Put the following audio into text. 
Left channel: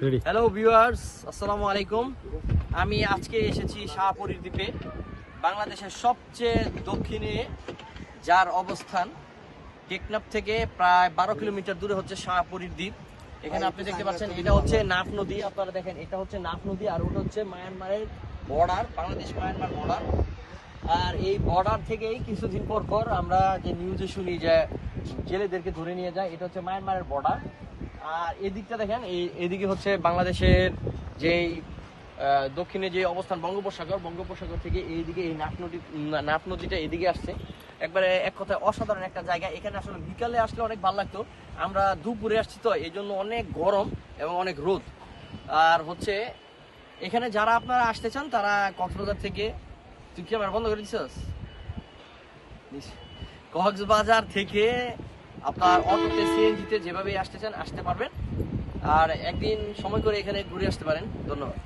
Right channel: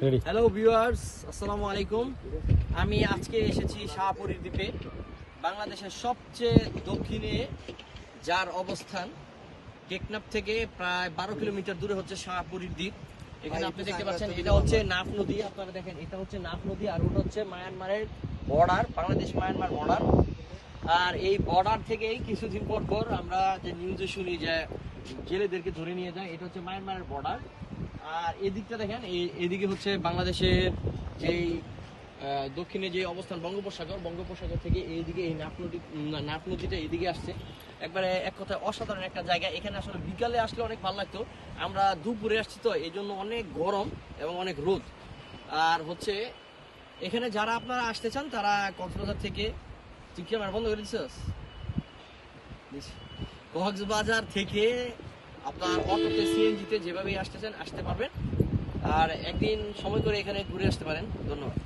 Hello viewers আসসালামু আলাইকুম আমি আজকে এসেছি শাহপুরীর দ্বীপে, বাংলাদেশের সবচেয়ে দক্ষিণে, যার অবস্থান টেকনাফ থেকে প্রায় বারো কিলোমিটার দূরে হচ্ছে শাহপুরীর দ্বীপ। এখানে আপনি দেখতে পাচ্ছেন, এটা হচ্ছে নাফ নদী। আপনারা দেখেন, এটা হচ্ছে নাফ নদী আর ওটা হচ্ছে মায়ানমারের বর্ডার বাংলাদেশ মায়ানমার বর্ডার আর এই বর্ডার থেকেই কিছুদিন পর পর আমরা যে নিউজে শুনি যে জেলেদেরকে ধরে নিয়ে যায়, এটা হচ্ছে মায়ানমারের বর্ডার আর এদিকটা দেখেন, এই এদিকে হচ্ছে বাংলাদেশের যেই দক্ষিণে যে অবস্থান বঙ্গোপসাগর বঙ্গোপসাগর থেকে এইদিকে এই নাফ নদী নাফ নদীটা এদিকে আসছে। একবারে এক কথায় অসাধারণ একটা জায়গা। এখানে আসলে বিকালে আসলে অনেক ভালো লাগতো। আমরা দুপুরে আসছি তো এই জন্য অনেক গরম এবং অনেক রোদ। আর হচ্ছে, এখানে যারা আপনারা আসতে চান, তারা কক্সবাজার থেকে, তুই কি আমার বন্ধ করে দিচ্ছিস কক্সবাজার থেকে আপনার অটোতে সিএনজিতে যেভাবেই আসতেছেন আসতে পারবেন। আর একদিন সময় করে এখানে ঘুরে আসতে পারেন। ধন্যবাদ।